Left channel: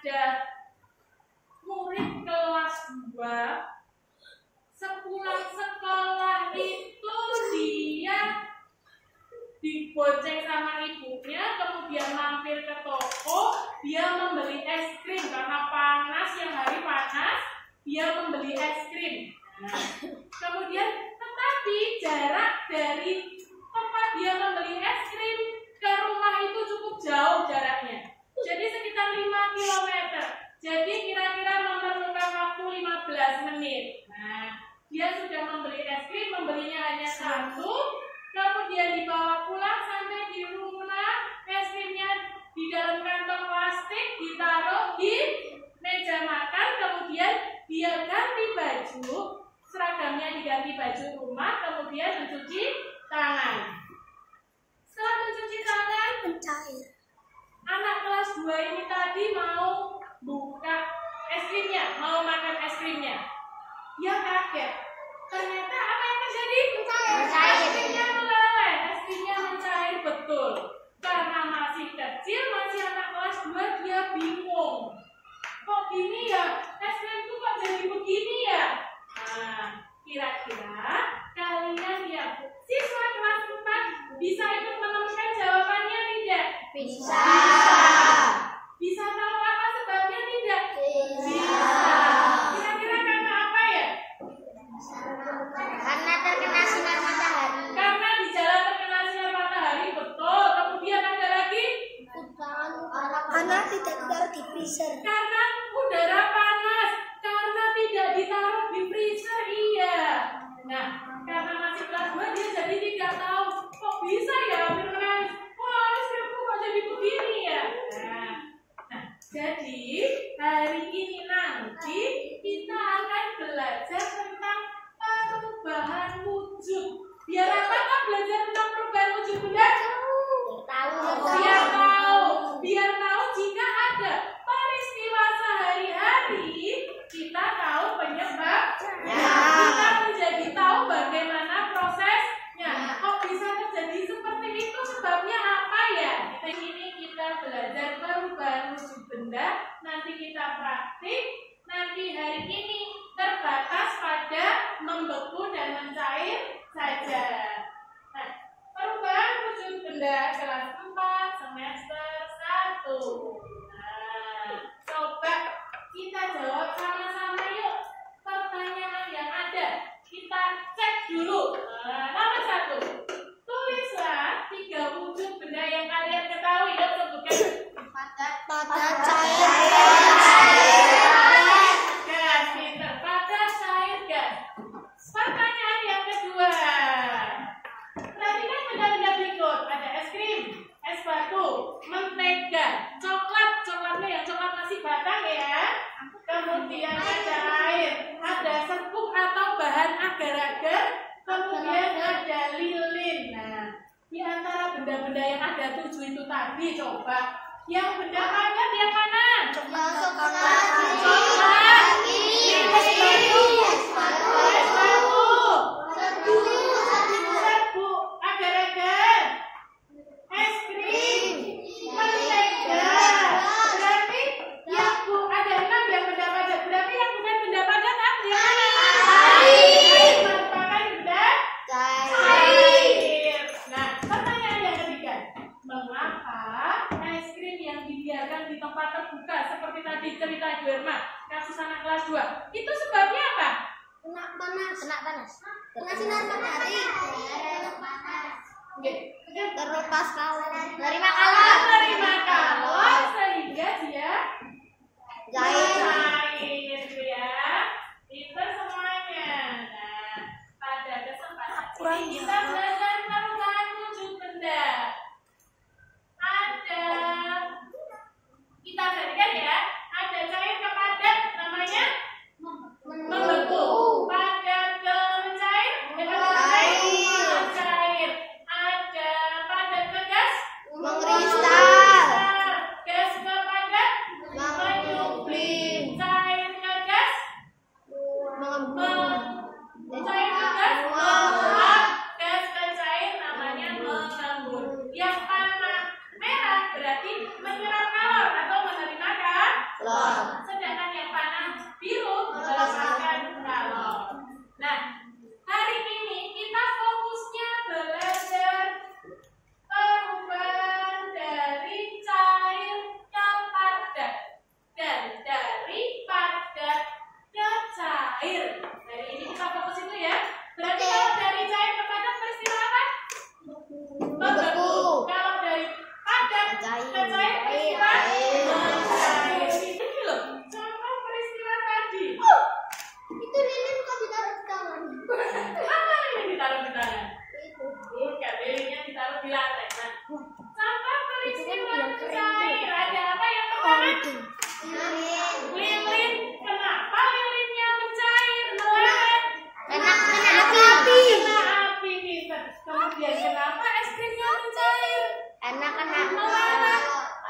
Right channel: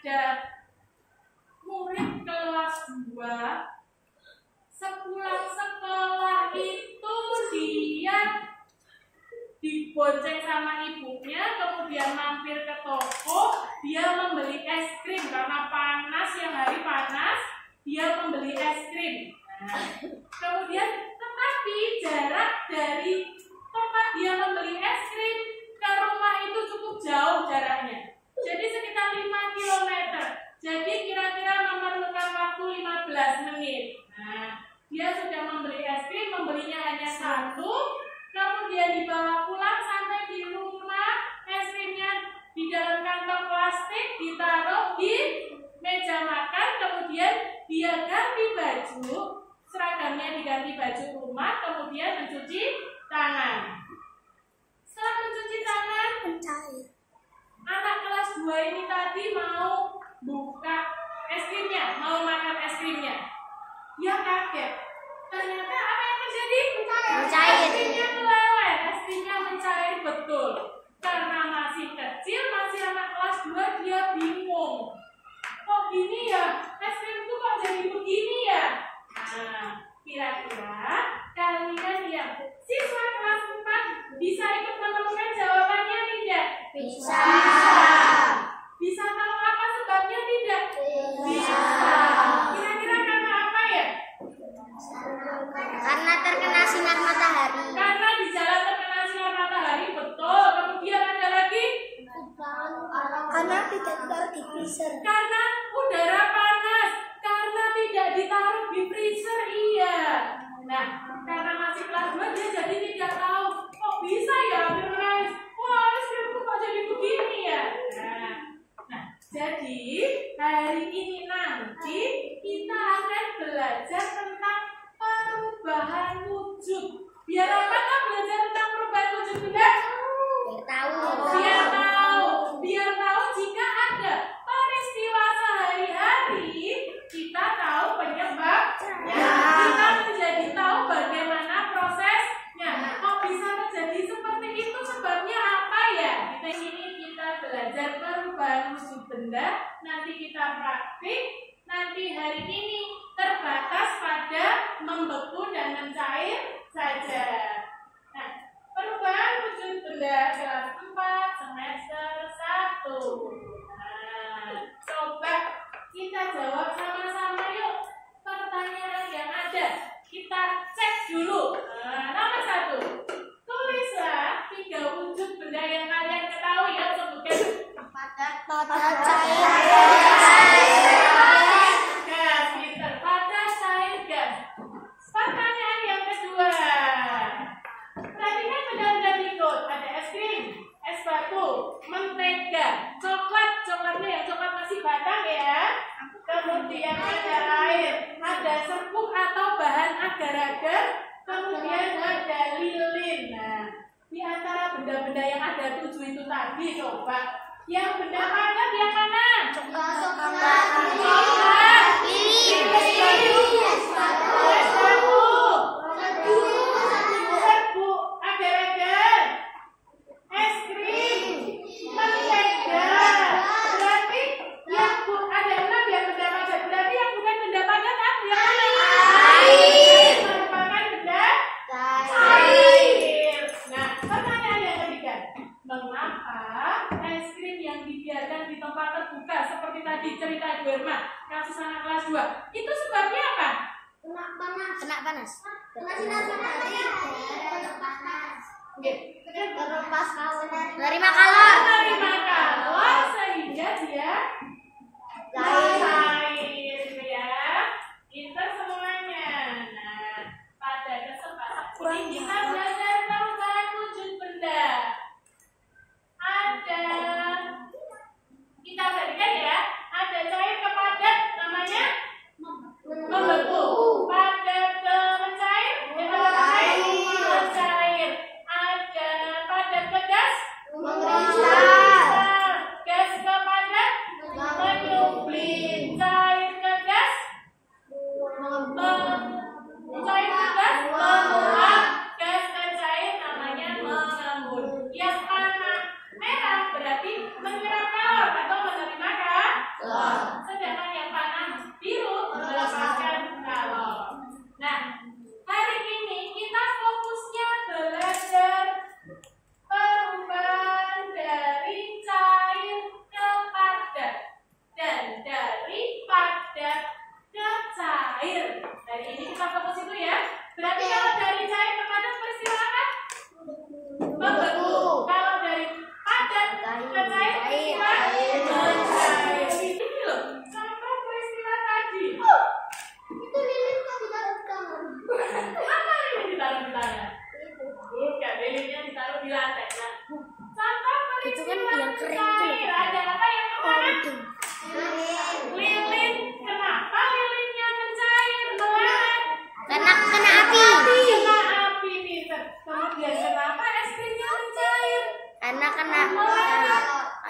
ada murid kelas 2 sepulang sekolah itu dia dibonceng sama ibunya, kemudian mampir ke toko, dia membeli es krim karena panas, yang hari panas, dia membeli es krim. Nah, kemudian tetapi jarak dari tempat dia membeli es krim ke rumah itu cukup jauh jaraknya. Jadi sekitar 5 km. Jadi kira-kira memerlukan waktu 15 menit. Nah, dia sudah membeli es krim, membelinya hanya satu. Kemudian dibawa pulang, sampai di rumah es krimnya di dalam kantong plastik, ditaruh di meja makan. Kemudian dia ganti baju, seragamnya diganti baju rumah, kemudian mencuci tangan. Setelah mencuci tangan, anak kelas 2 ini tadi mau buka es krimnya, mau makan es krimnya. Dia kaget. Ternyata apa yang terjadi? Mencair. Es krimnya meleleh, es krimnya mencair betul. Karena masih kecil, masih anak kelas 2, dia bingung. Kok gini ya? Es krimku kok jadi begini ya? Nah, kira-kira kalian yang siswa kelas 4 bisa ikut menemukan jawabannya tidak? Bisa. Bisa tahu apa sebabnya tidak? Bisa. Kira-kira karena apa ya? Karena terkena sinar matahari. Karena di jalan terkena sinar matahari, betul. Kemudian ada lagi? Karena tidak ditaruh di freezer. Karena udara panas. Karena tidak ditaruh di freezer, iya. Nah, karena masih kelas 2, dia jadi tidak tahu. Kok bisa ya hampir menangis? Wah, es krimku kok jadi begini ya? Nah, jadi hari ini nanti kita akan belajar tentang perubahan wujud. Biar apa kak belajar tentang perubahan wujud, Bunda? Biar tahu jika ada peristiwa sehari-hari, kita tahu penyebabnya. Kita menjadi tahu bagaimana prosesnya. Kok bisa terjadi seperti itu? Sebabnya apa ya? Kita belajar perubahan wujud benda. Nanti kita praktik. Nanti hari ini terbatas pada membeku dan mencair saja. Nah, perubahan wujud benda kelas 4 semester 1. Nah, coba kita jawab sama-sama yuk pertanyaan yang ada. Kita cek dulu. Nomor 1. Tulislah 3 wujud benda yang kalian ketahui. Yuk sebutkan. Padat, Gas, liter, padat, cair, gas. Pertanyaan yang kedua. Perhatikan benda-benda berikut. Ada es krim, es batu, mentega, coklat. Coklatnya yang coklat masih batang ya. Kemudian ada air, ada serbuk atau bahan agar-agar. Kemudian ada lilin. Nah, di antara benda-benda yang ada 7 itu tadi, coba yang benda padat yang mana? Coklat, serbuk, agar-agar, es krim, mentega. Berarti yang ada 6 yang benda padat. Berarti yang bukan benda padat apa yang mana? Air. Merupakan benda cair. Nah, pertanyaan yang ketiga. Mengapa es krim yang dibiarkan di tempat terbuka seperti tadi cerita Ibu Irma, kasus anak kelas 2, itu sebabnya apa? Kena panas. Kena sinar matahari. Oke. Menerima kalor. Menerima kalor sehingga dia cair gitu ya. Pinter semuanya. Nah, pada kesempatan ini kita belajar perubahan wujud benda. Ada, kita perhatikan ya, ada cair ke padat namanya membeku. Padat ke mencair, mencair. Ada padat ke gas, Mengkristal. gas ke padat, galon. Sedangkan yang warna biru melepaskan galon. Nah, hari ini kita fokusnya belajar perubahan dari cair ke padat dan dari padat ke cair. Hari ini kita fokus itu ya. Berarti kalau dari cair ke padat peristiwa apa? Membeku. Kalau dari padat ke cair peristiwa mencair. Ini loh, contoh peristiwa tadi. Itu lilin kok ditaruh di tangan? Apa lilin ditaruh di tangan? Bukan, lilinnya ditaruh di lantai. Nah, contoh peristiwa mencair. Ada apa yang pertama? Lilin. Kenapa lilinnya mencair? Meleleh. Kena api. Kena api, Peter. Kemudian kenapa es krimnya mencair?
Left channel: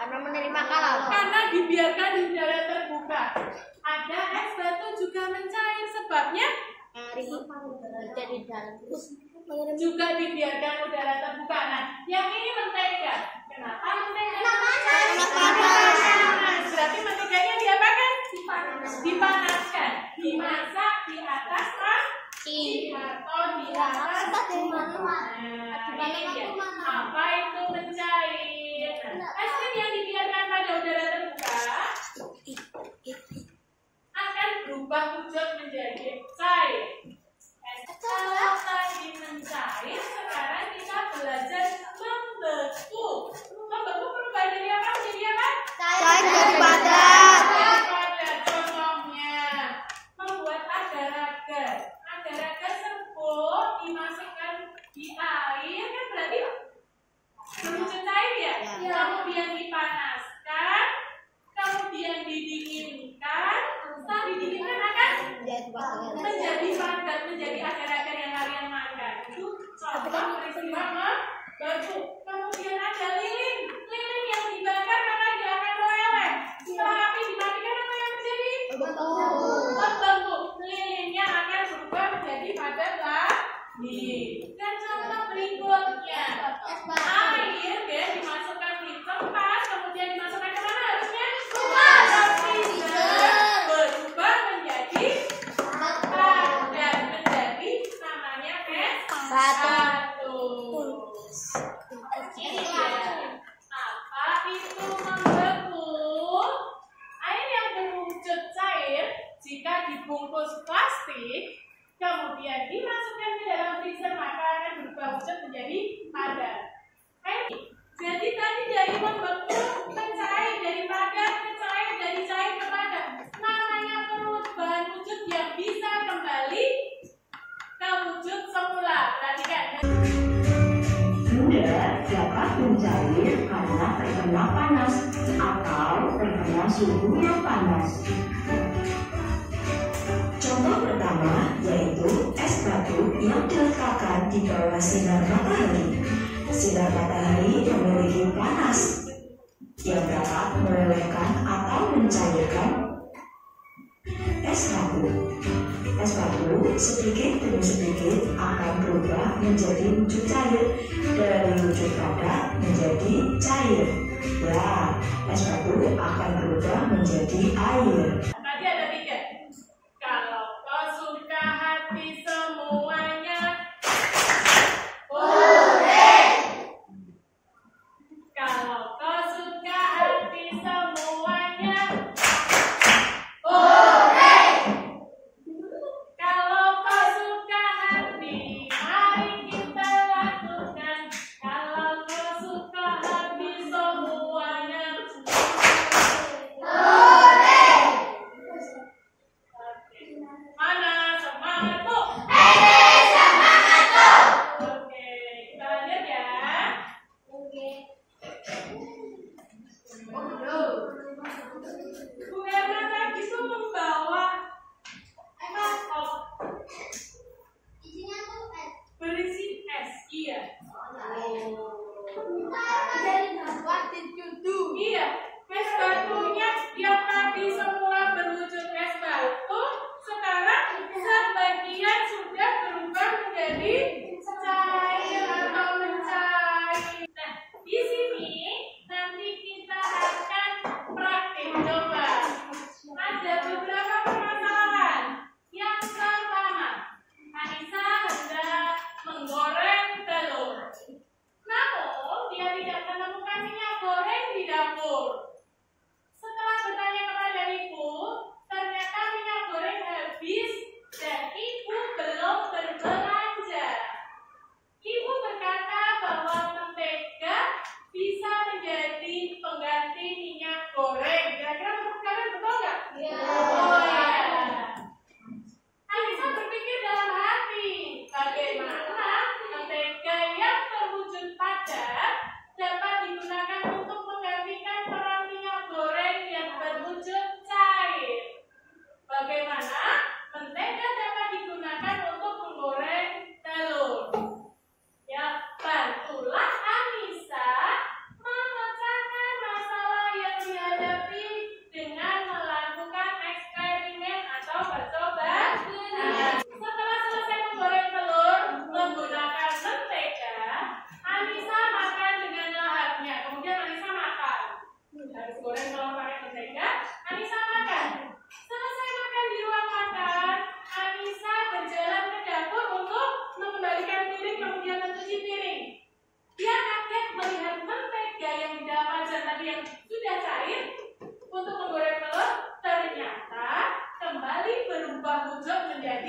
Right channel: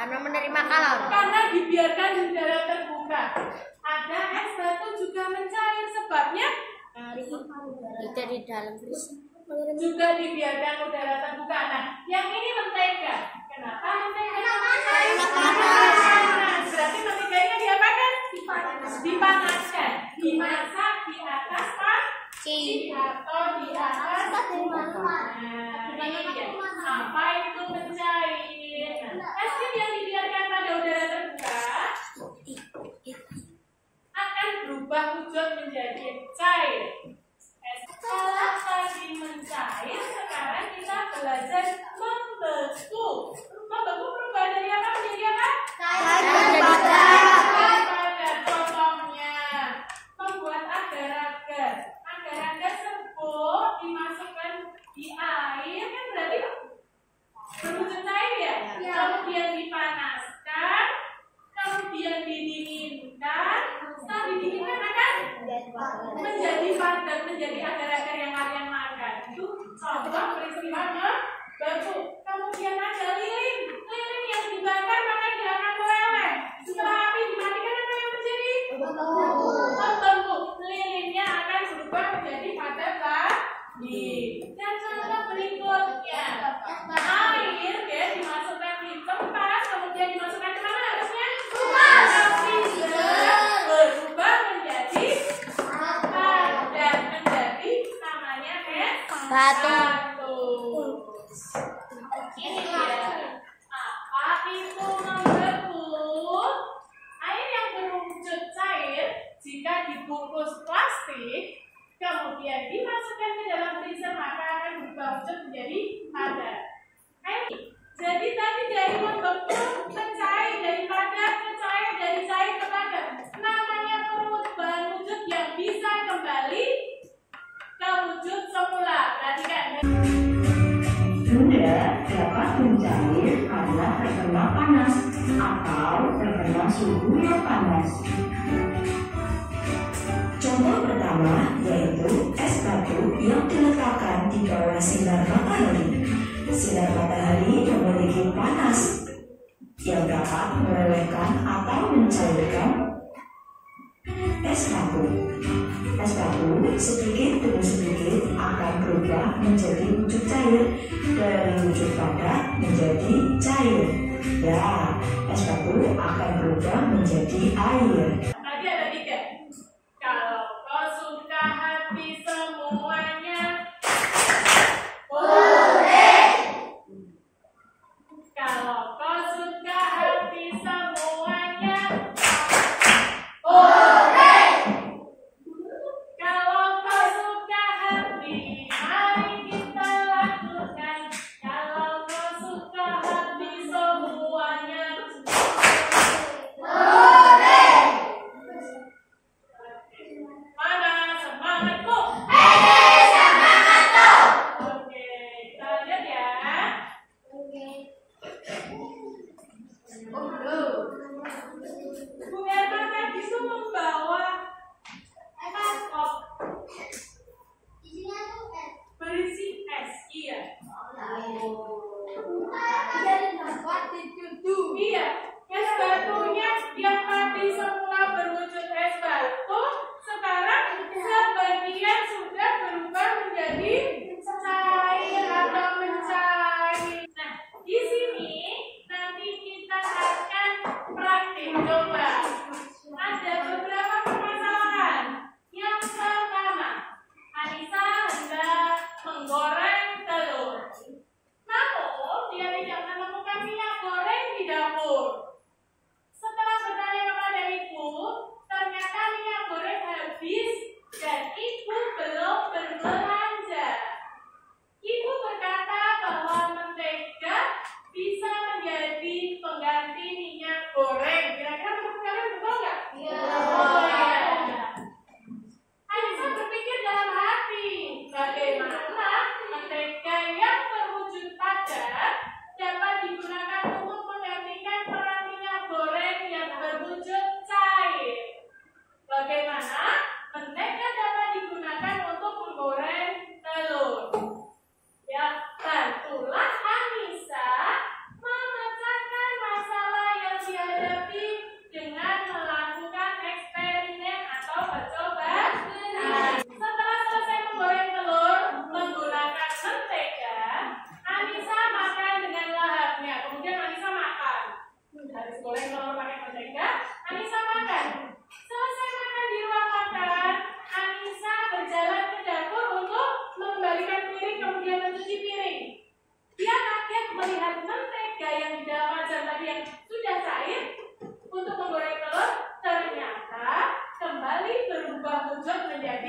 Karena menerima kalor. Karena dibiarkan di udara terbuka. Ada es batu juga mencair. Sebabnya Kita di dalam terus. juga dibiarkan udara terbuka. Nah, yang ini mentega. Kenapa mentega? Panas. Berarti menteganya diapakan? Dipanaskan. Dimasak di atas panci atau di atas. Nah, ini dia. Apa itu mencair? Nah, es krim yang dibiarkan pada udara terbuka akan berubah wujud menjadi cair. Kalau tadi mencair, sekarang kita belajar membeku. Membeku perubahan dari apa menjadi apa? Cair dan padat. Padat. Contohnya membuat agar-agar. Agar-agar serbuk dimasukkan di air kan berarti berwujud cair ya? Kemudian dipanaskan, kemudian didinginkan. Setelah didinginkan akan menjadi padat, menjadi agar-agar yang kalian makan. Itu contoh peristiwa membeku. Kemudian ada lilin. Lilin yang dibakar maka dia akan meleleh. Setelah api dimatikan apa yang terjadi? Membeku. Lilinnya akan berubah menjadi padat lagi. Dan contoh berikutnya, air ya dimasukkan di tempat, kemudian dimasukkan ke mana harusnya? Berubah menjadi padat, menjadi namanya batu. Ini dia. Apa itu membeku? Air yang berwujud cair jika dibungkus plastik kemudian dimasukkan ke dalam freezer maka akan berubah wujud menjadi padat. Jadi tadi dari membeku ke cair, dari padat ke cair, dari cair ke padat. Namanya perubahan wujud yang bisa kembali ke wujud semula. Perhatikan. Benda dapat mencair karena terkena panas atau terkena suhu yang panas. Contoh pertama yaitu es batu yang diletakkan di bawah sinar matahari. Sinar matahari memiliki panas yang dapat melelehkan atau mencairkan es batu. Es batu sedikit demi sedikit akan berubah menjadi wujud cair, dari wujud padat menjadi cair. Ya, es batu akan berubah menjadi air. Tadi ada 3. Kalau kau suka hati semuanya, kalau kau suka hati semuanya, kalau kau suka hati, mari kita lakukan. Kalau kau suka hati semuanya,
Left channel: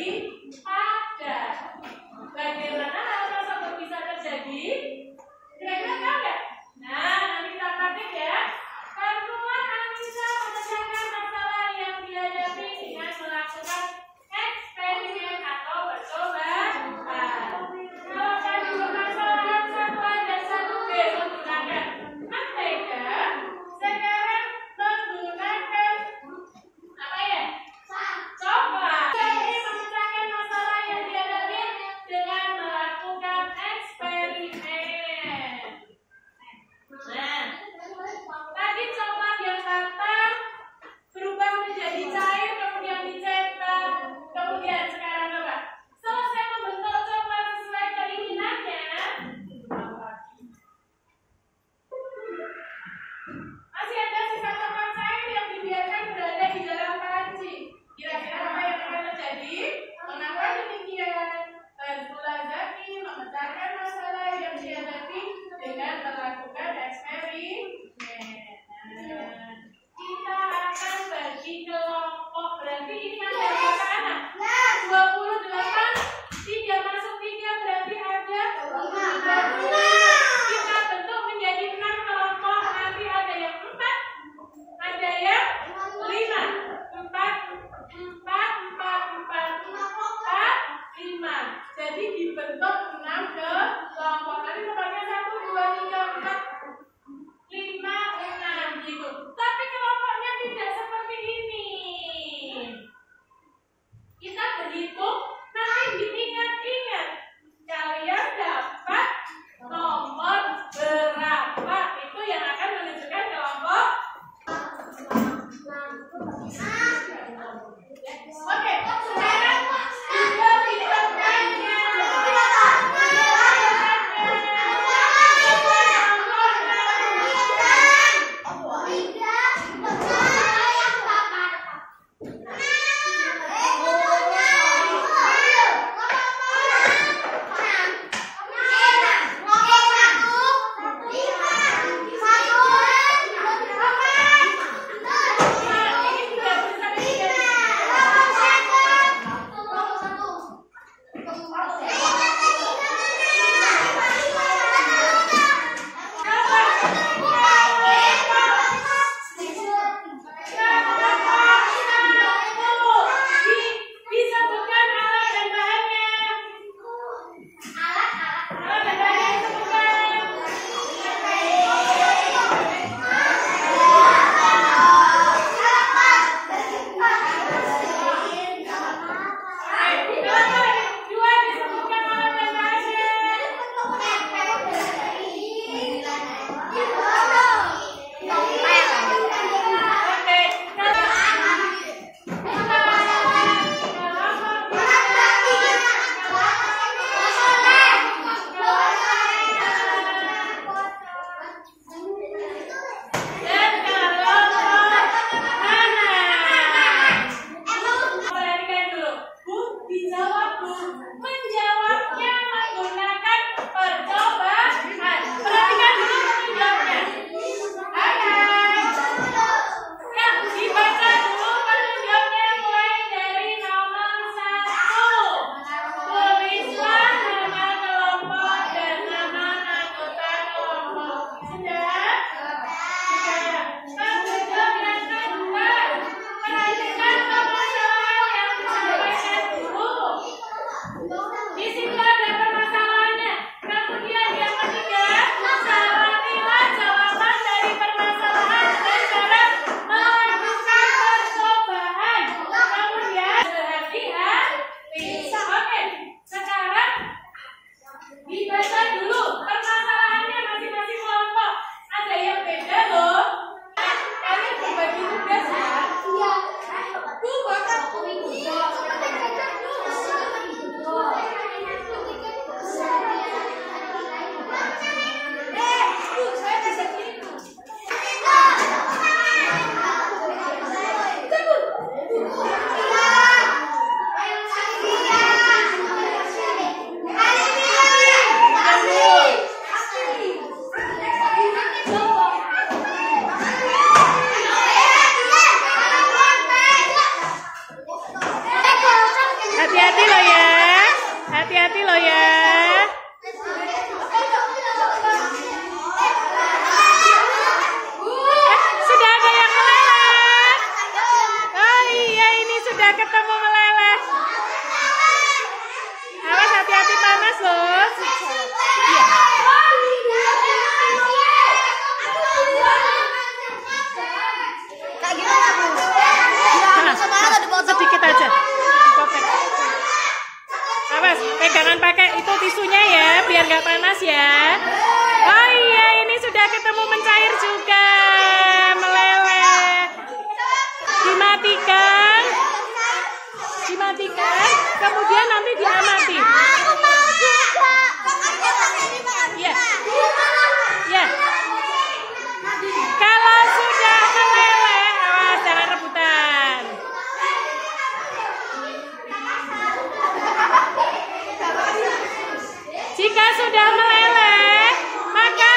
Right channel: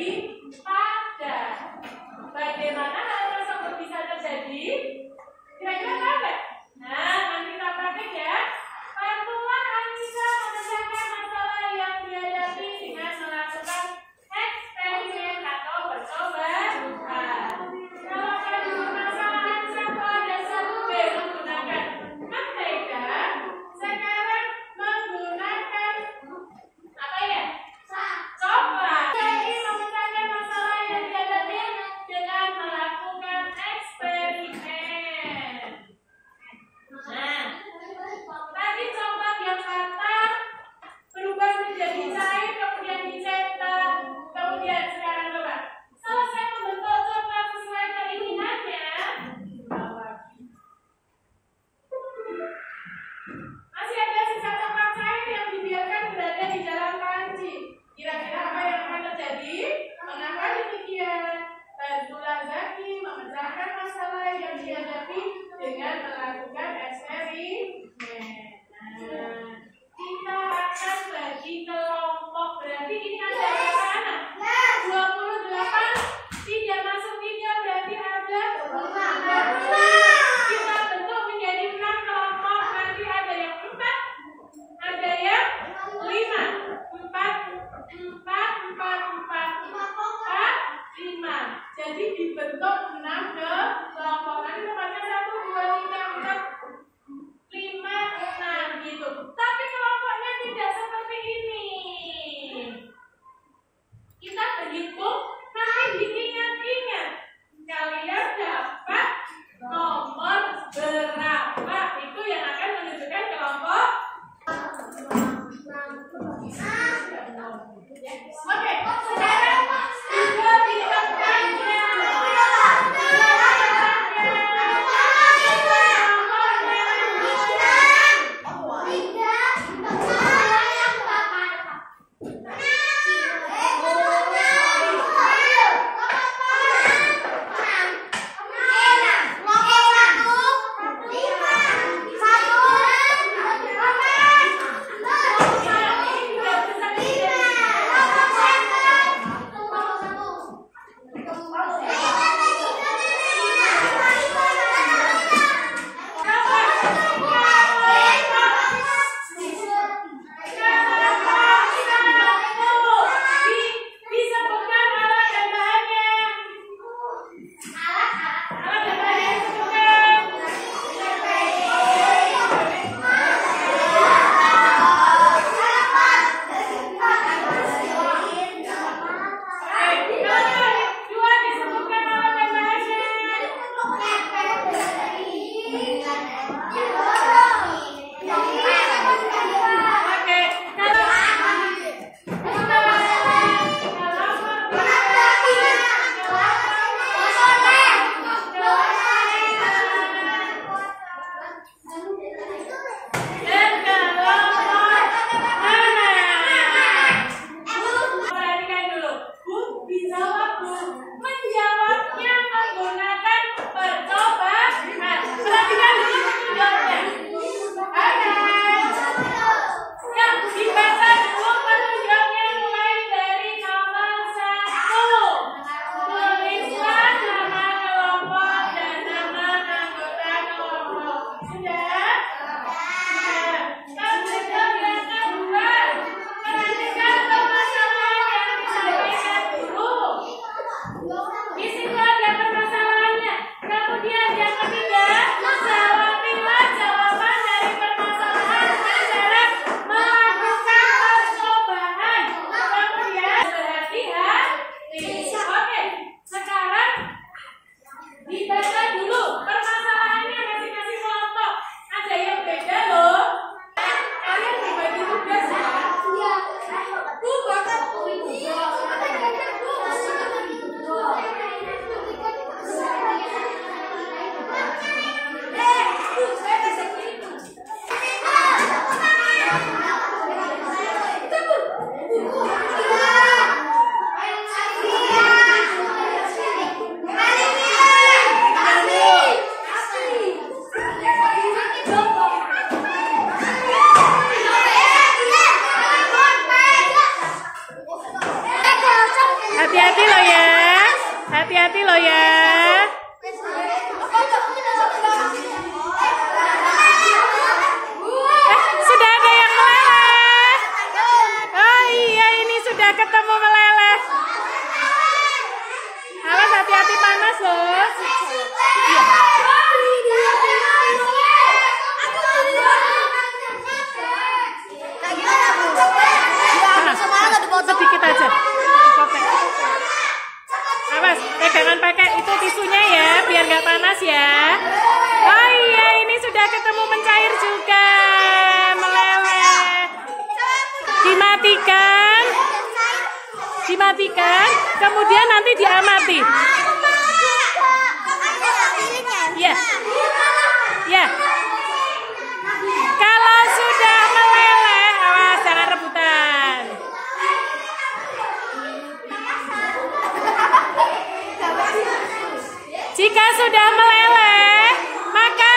menjadi pada. Bagaimana hal tersebut bisa terjadi? Kira-kira tahu nggak? Nah, nanti kita praktek ya. Bantulah Anissa menyelesaikan masalah yang dihadapi dengan melakukan eksperimen atau percobaan. Kalau tadi permasalahan satu A dan satu B menggunakan mentega, sekarang menggunakan apa ya? Coklat. Jadi memecahkan masalah yang dihadapi dengan melakukan eksperimen. Nah, tadi coklat yang matang berubah menjadi cair, kemudian dicetak, kemudian sekarang coba selesai membentuk coklat sesuai keinginannya. Masih ada sisa coklat cair yang dibiarkan berada di dalam panci. Kira-kira apa yang akan terjadi? Mengapa demikian? Bantulah Zaki memecahkan masalah yang dihadapi dengan melakukan eksperimen. Nah, kita akan bagi kelompok. Berarti ini ada berapa anak? 28. 3 masuk 3 berarti ada 5. Kita bentuk menjadi 6 kelompok. Nanti ada yang 4, ada yang 5. 4, jadi dibentuk 6 kelompok. Nanti tempatnya 1, 2, 3, 4, 5, 6 gitu. Tapi kelompoknya tidak seperti ini. hati-hati loh ya. Sudah ada yang meleleh. Oh iya, ini sudah ketemu meleleh. Awas, hati-hati panas loh. Iya. Kayak gimana, Bu? Ya, semuanya dipotong. Sedikit aja, dipotong. Awas, pegangan pakai itu tisunya ya, biar nggak panas ya. Oh iya, ini sudah ketemu mencair juga, meleleh. Dimatikan, dimatikan, kemudian nanti diamati. Iya, iya. Kalau sudah meleleh, awas jangan rebutan. Jika sudah meleleh, maka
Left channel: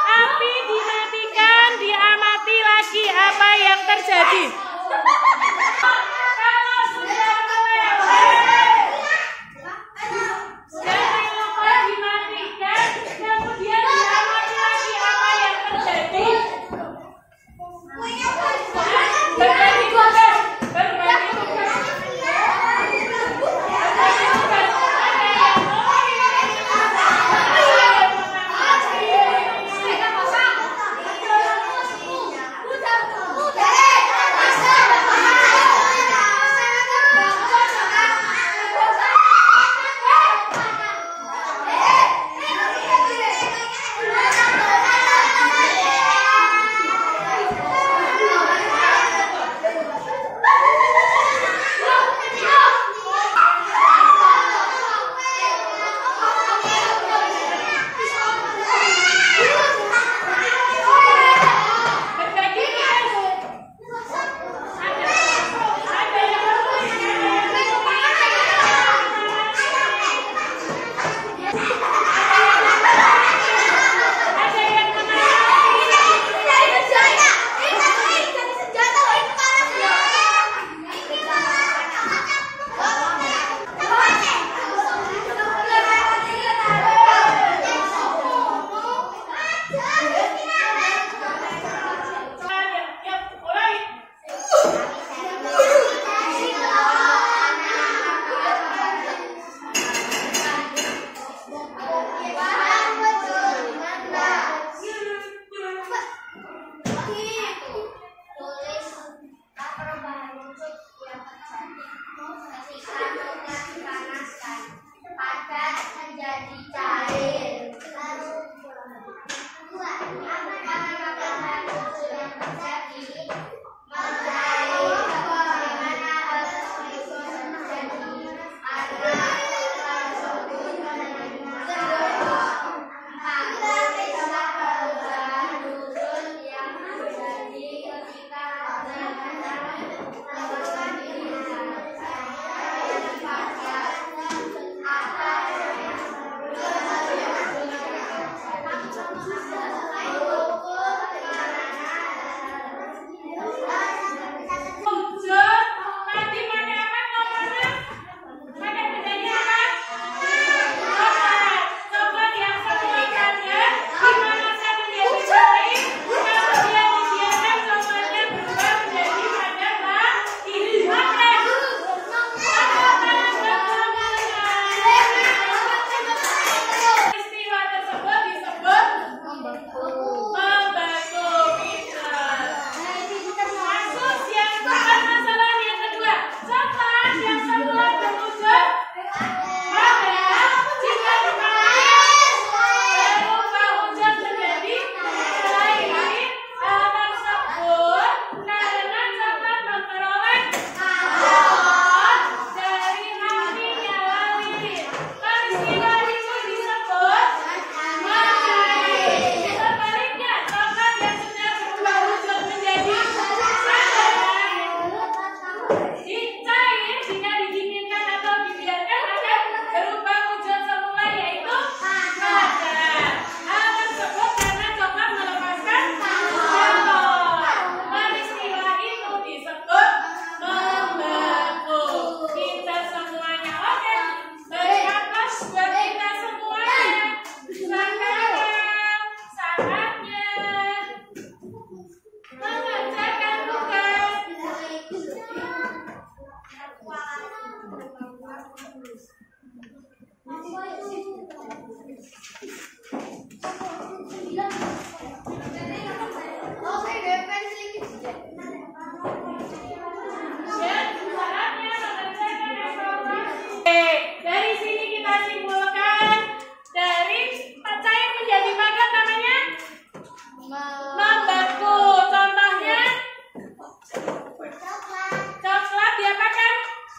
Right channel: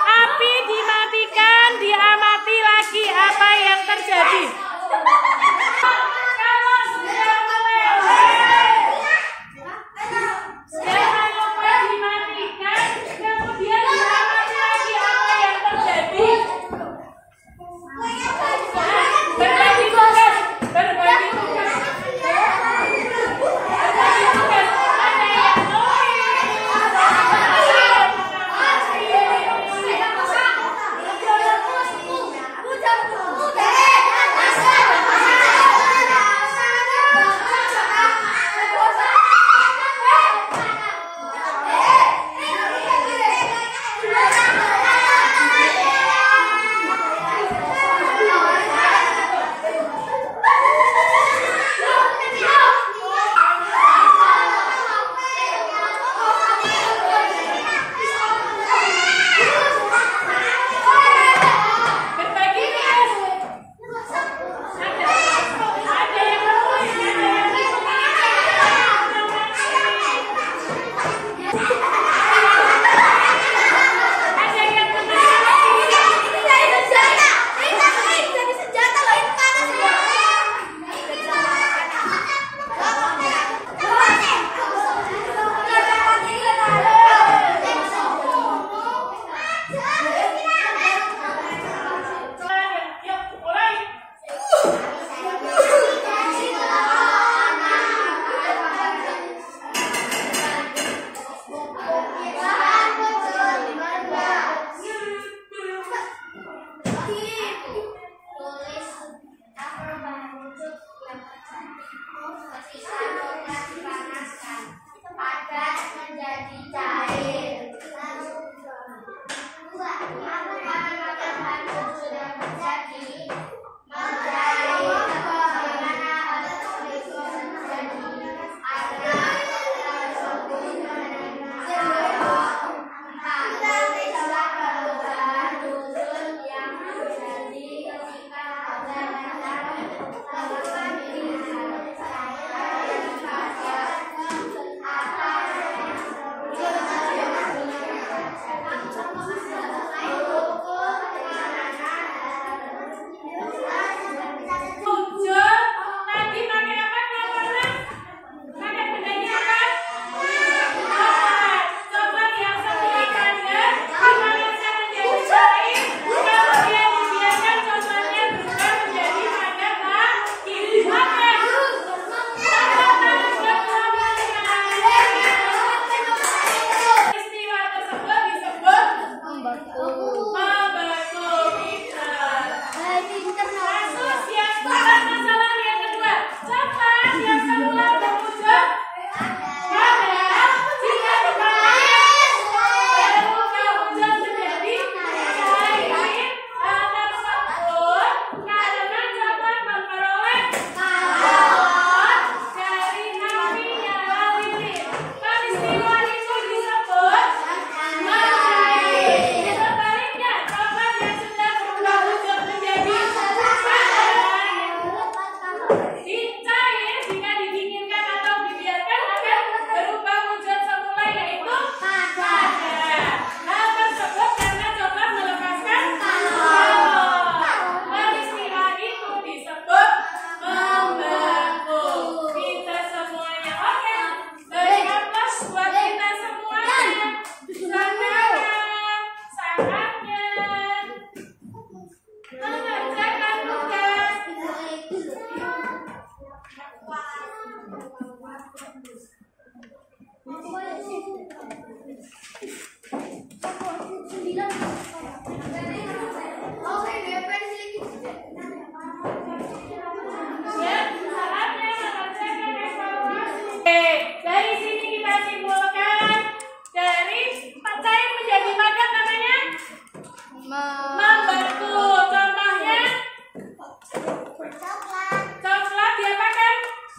api dimatikan, diamati lagi apa yang terjadi. Kalau sudah meleleh, jangan lupa dimatikan, kemudian diamati lagi apa yang terjadi. Berbagi tugas, berbagi tugas. Berbagi tugas.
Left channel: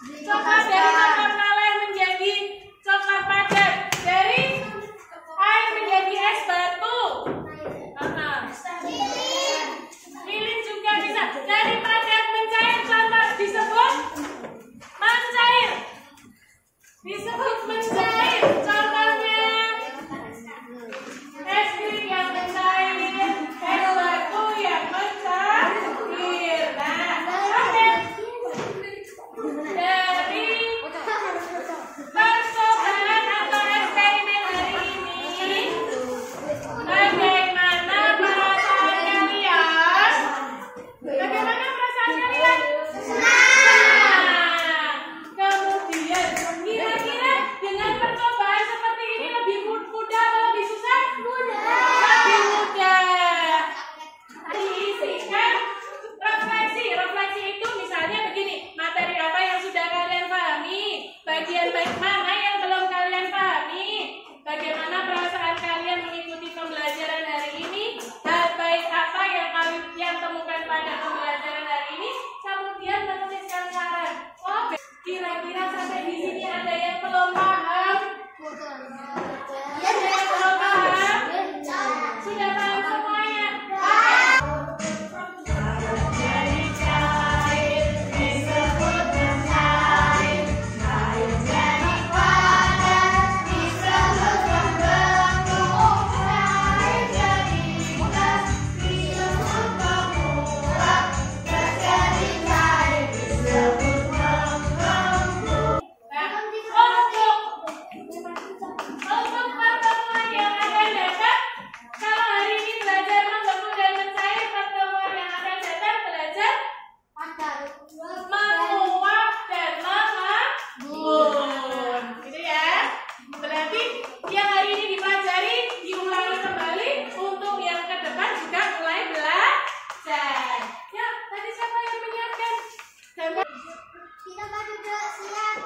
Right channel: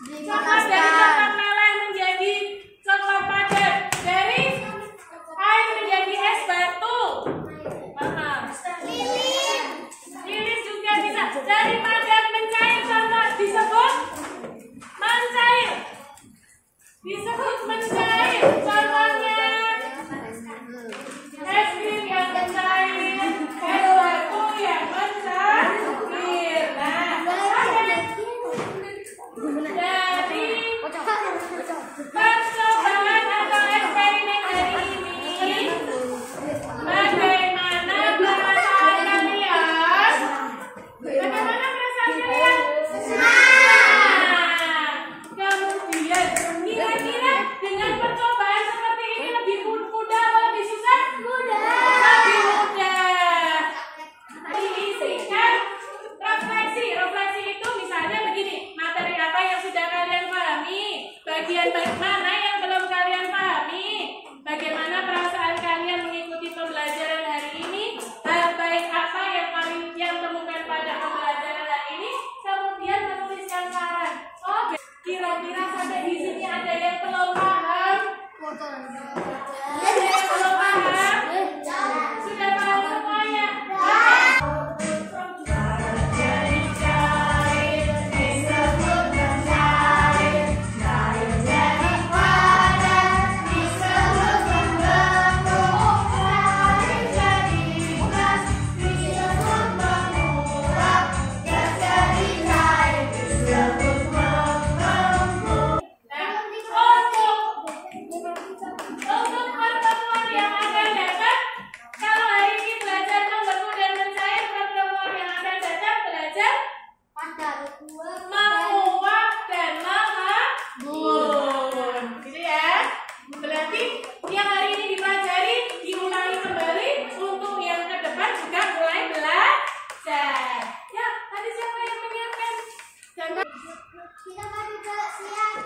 Coklat dari coklat meleleh menjadi coklat padat. Dari air menjadi es batu. Lilis juga bisa. Dari padat mencair contoh disebut mencair. Disebut mencair. Contohnya es krim yang mencair, es batu yang mencair. Nah, dari percobaan atau eksperimen hari ini, bagaimana perasaan kalian? Bagaimana perasaan kalian? Nah, kemudian kira-kira dengan percobaan seperti ini lebih mudah atau lebih susah? Lebih mudah. Diisikan refleksi. Refleksi itu misalnya begini, materi apa yang sudah kalian pahami, bagian baik mana yang belum kalian pahami, bagaimana perasaan kalian mengikuti pembelajaran hari ini, hal baik apa yang kalian temukan pada pembelajaran hari ini, kemudian menuliskan saran. Oh, kira-kira sampai di sini ada yang belum paham? Ada yang belum paham? Sudah paham semuanya? Jadi cair disebut mencair, cair jadi padat disebut membentuk, cair jadi gas disebut menguap, gas jadi cair disebut mengembung. Untuk pertemuan yang akan datang, kalau hari ini belajar membentuk dan mencair, pertemuan yang akan datang belajar menguap dan mengembun, gitu ya. Berarti yang hari ini dipelajari diulangi kembali untuk yang ke depan juga mulai belajar. Ya, tadi siapa yang menyiapkan? Dan Kita pada siap,